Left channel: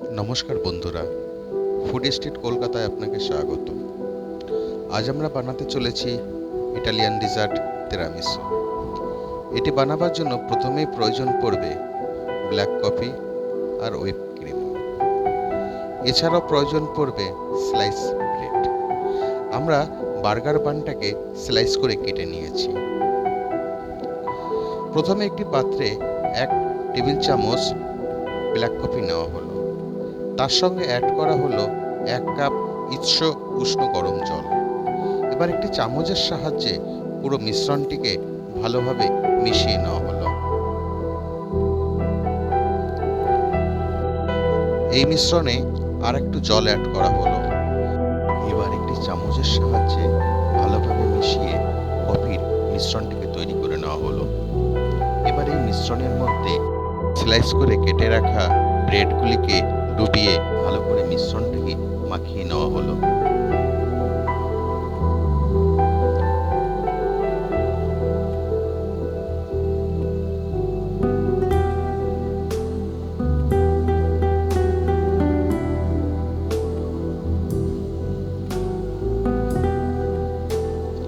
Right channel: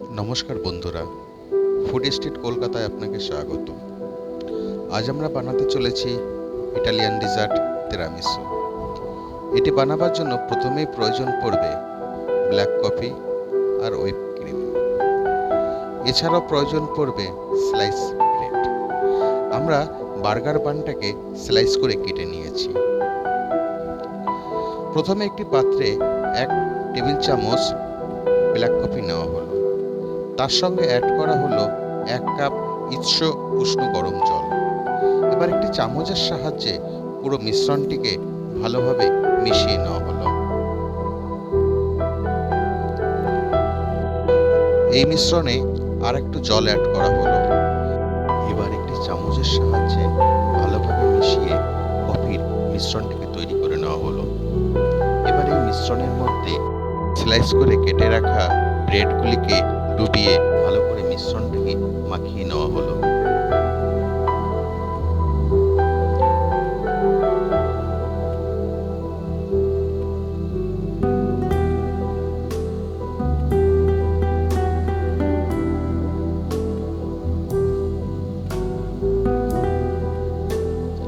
নমস্কার বন্ধুরা, food street কলকাতায় আপনাকে স্বাগত। আজ আমরা বানাতে চলেছি ইটালিয়ান ডেজার্ট তিরামিসু। এটি বানাবার জন্য প্রথমেই প্রয়োজন পড়বে ব্ল্যাক কফি আর হুইপ ক্রিম। এছাড়াও প্রয়োজন পড়বে স্লাইস ব্রেড। আমরা বার্গার বানটাকে স্লাইস করে কেটে নিয়েছি। প্রথমে একটি পাত্রে 1 টেবিল চামচ ব্ল্যাক কফি নেওয়া হলো। তার সঙ্গে অ্যাড করা হলো 1 কাপ উষ্ণ গরম জল। এবার একটি চামচের সাহায্যে পুরো মিশ্রণটিকে ভালোভাবে মিশিয়ে নেওয়া হলো। এই মিশ্রণে আর একটু জল অ্যাড করা হলো। এবার একটি চামচের সাহায্যে ভালোভাবে মিশিয়ে কফির মিশ্রণটিকে তৈরি করে নেওয়া হলো। এবার এই মিশ্রণের মধ্যে স্লাইস করে কেটে রাখা ব্রেডগুলিকে ডুবিয়ে ভালো করে মিশ্রণটিকে মাখিয়ে নেওয়া হলো।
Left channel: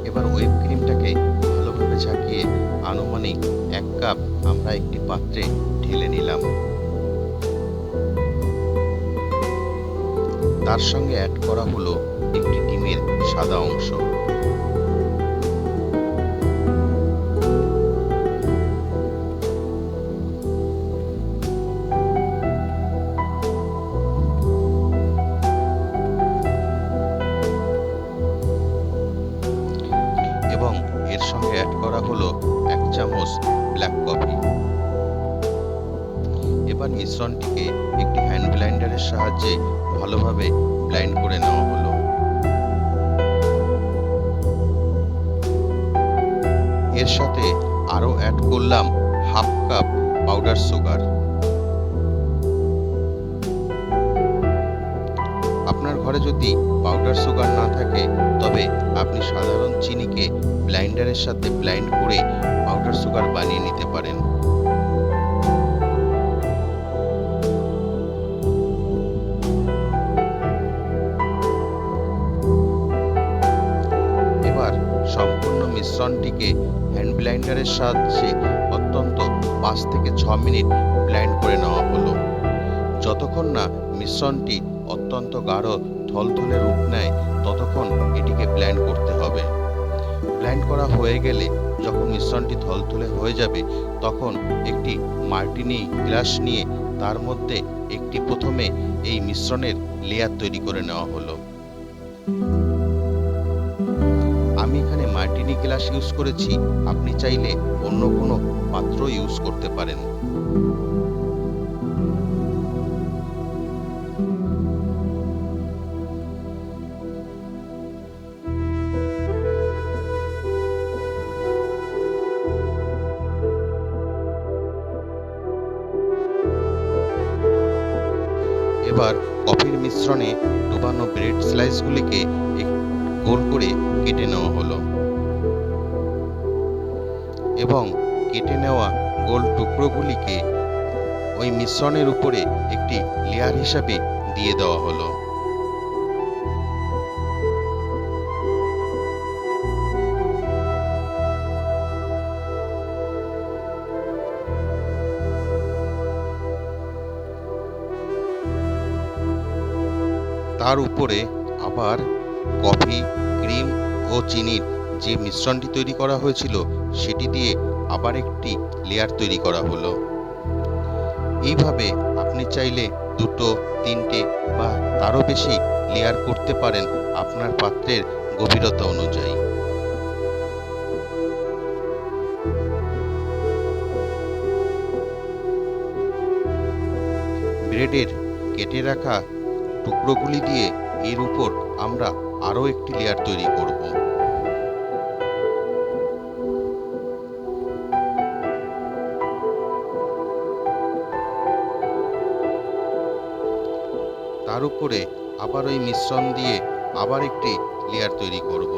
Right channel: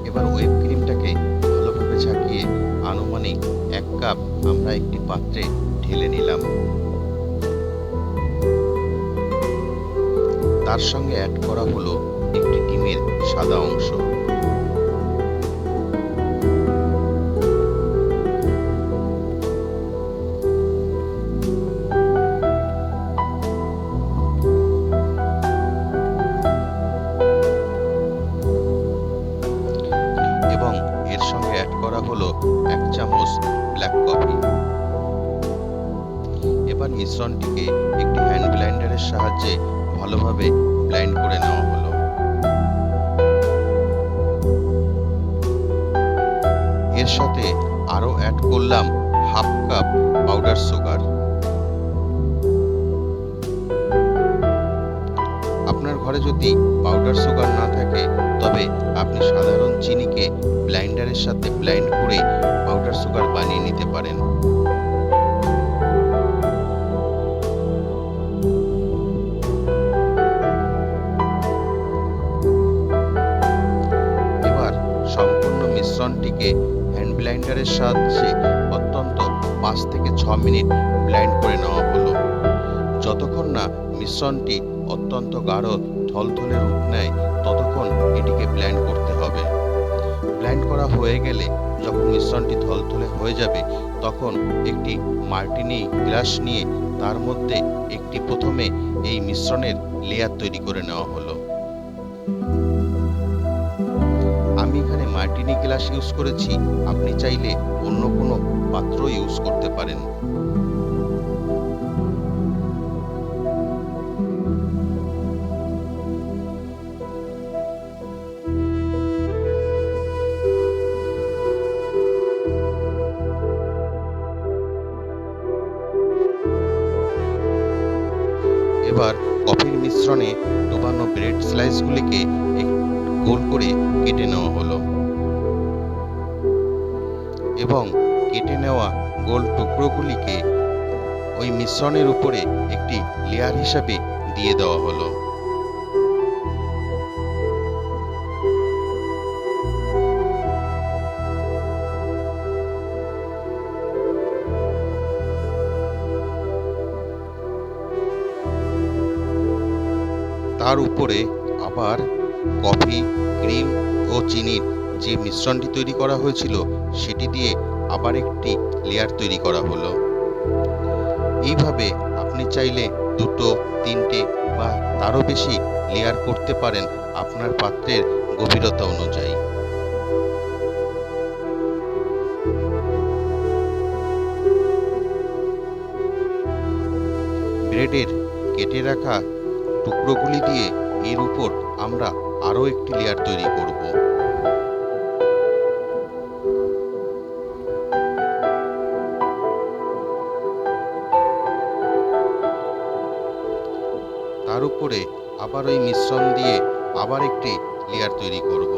এবার হুইপ ক্রিমটাকে ভালোভাবে ঝাঁকিয়ে আনুমানিক 1 কাপ আমরা একটি পাত্রে ঢেলে নিলাম। তার সঙ্গে অ্যাড করা হলো একটি ডিমের সাদা অংশ। এবং এর সঙ্গে অ্যাড করা হলো 1 চামচ ব্ল্যাক কফি। এবার মিশ্রণটিকে একটি হ্যান্ড ব্লেন্ডারের সাহায্যে ভালোভাবে ব্লেন্ড করে নেওয়া হলো। এর সাথে আরও অ্যাড করলাম 1/2 কাপ পাউডার সুগার। আপনার ঘরে যদি পাউডার সুগার না থাকে তবে আপনি সাধারণ চিনিকে ব্লেন্ডারের সাথে ব্লেন্ড করে পাউডার সুগার বানিয়ে নিতে পারেন। এবার সম্পূর্ণ মিশ্রণটিকে হ্যান্ড ব্লেন্ডারের সাহায্যে অত্যন্ত 5 থেকে 6 মিনিট ব্লেন্ড করে নেওয়া হলো। যতক্ষণ না মিশ্রণটি অত্যন্ত গাঢ় থলথলে রূপ নেয় ততক্ষণ এটিকে ব্লেন্ড করতে হবে। ব্লেন্ড করা হয়ে গেলে যখন মিশ্রণটি থলথলে হয়ে যাবে তখন একটি মার্টিনি গ্লাস নিয়ে তার মধ্যে একটি প্রথমে এই মিশ্রণের লেয়ার তৈরি করে নেওয়া হলো। আমি এখানে মার্টিনি গ্লাস ইউজ করেছি, আপনি চাইলে অন্য কোনো পাত্র ইউজ করতে পারেন। এবার কফির মিশ্রণে ডুবানো ব্রেড স্লাইসগুলিকে গোল করে কেটে নেওয়া হলো এবং কেটে নেওয়া গোল টুকরোগুলিকে ওই মিশ্রণের উপরে একটি লেয়ার হিসাবে দিয়ে দেওয়া হলো। তার উপরে আবার কফি, ক্রিম ও চিনির যে মিশ্রণটি তৈরি করা হয়েছিল সেটি দিয়ে আবার একটি লেয়ার তৈরি করা হলো। এইভাবে আপনি চাইলে 2, 3টে বা তারও বেশি লেয়ার করতে পারেন আপনার পাত্রের গভীরতা অনুযায়ী। ব্রেডের কেটে রাখা টুকরোগুলি দিয়ে এর উপর আমরা আরও একটি লেয়ার তৈরি করব। তার উপরে আবার ওই মিশ্রণ দিয়ে আবার একটি লেয়ার তৈরি করব।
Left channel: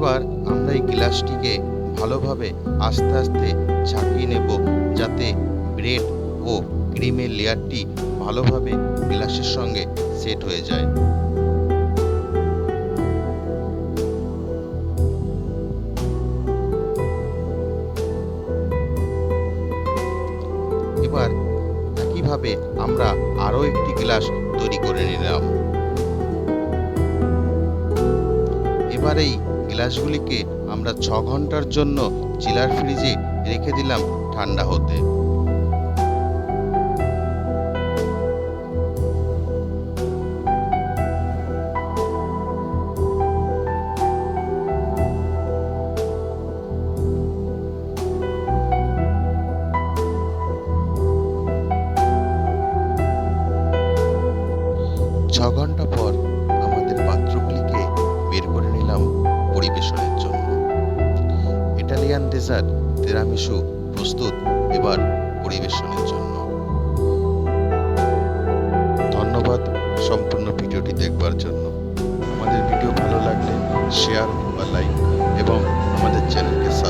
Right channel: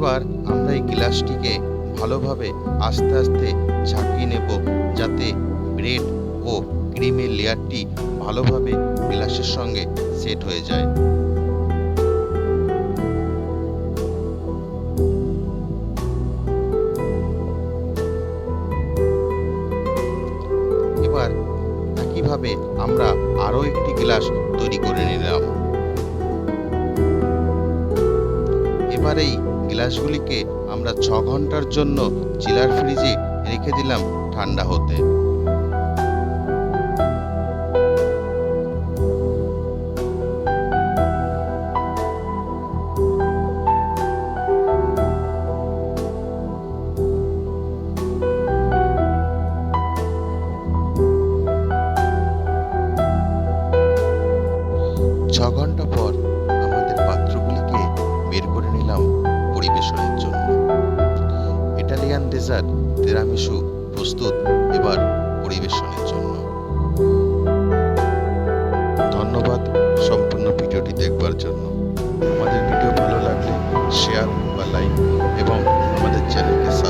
এবার আমরা এই গ্লাসটিকে ভালোভাবে আস্তে আস্তে ঝাঁকিয়ে নেব, যাতে ব্রেড ও ক্রিমের লেয়ারটি ভালোভাবে গ্লাসের সঙ্গে সেট হয়ে যায়। এবার একইভাবে আমরা আরও একটি গ্লাস তৈরি করে নিলাম। এবার এই গ্লাসগুলিকে আমরা 6 ঘন্টার জন্য চিলার ফ্রিজে রেখে দিলাম ঠান্ডা হতে। ছ ঘন্টা পর আমাদের পাত্রগুলিকে বের করে নিলাম পরিবেশনের জন্য। ইটালিয়ান ডেজার্ট তিরামিসু প্রস্তুত এবার পরিবেশনের জন্য। ধন্যবাদ সম্পূর্ণ ভিডিওটি দেখবার জন্য। আমাদের ভিডিও ভালো লাগলে শেয়ার বা লাইক এবং আমাদের চ্যানেলকে সাবস্ক্রাইব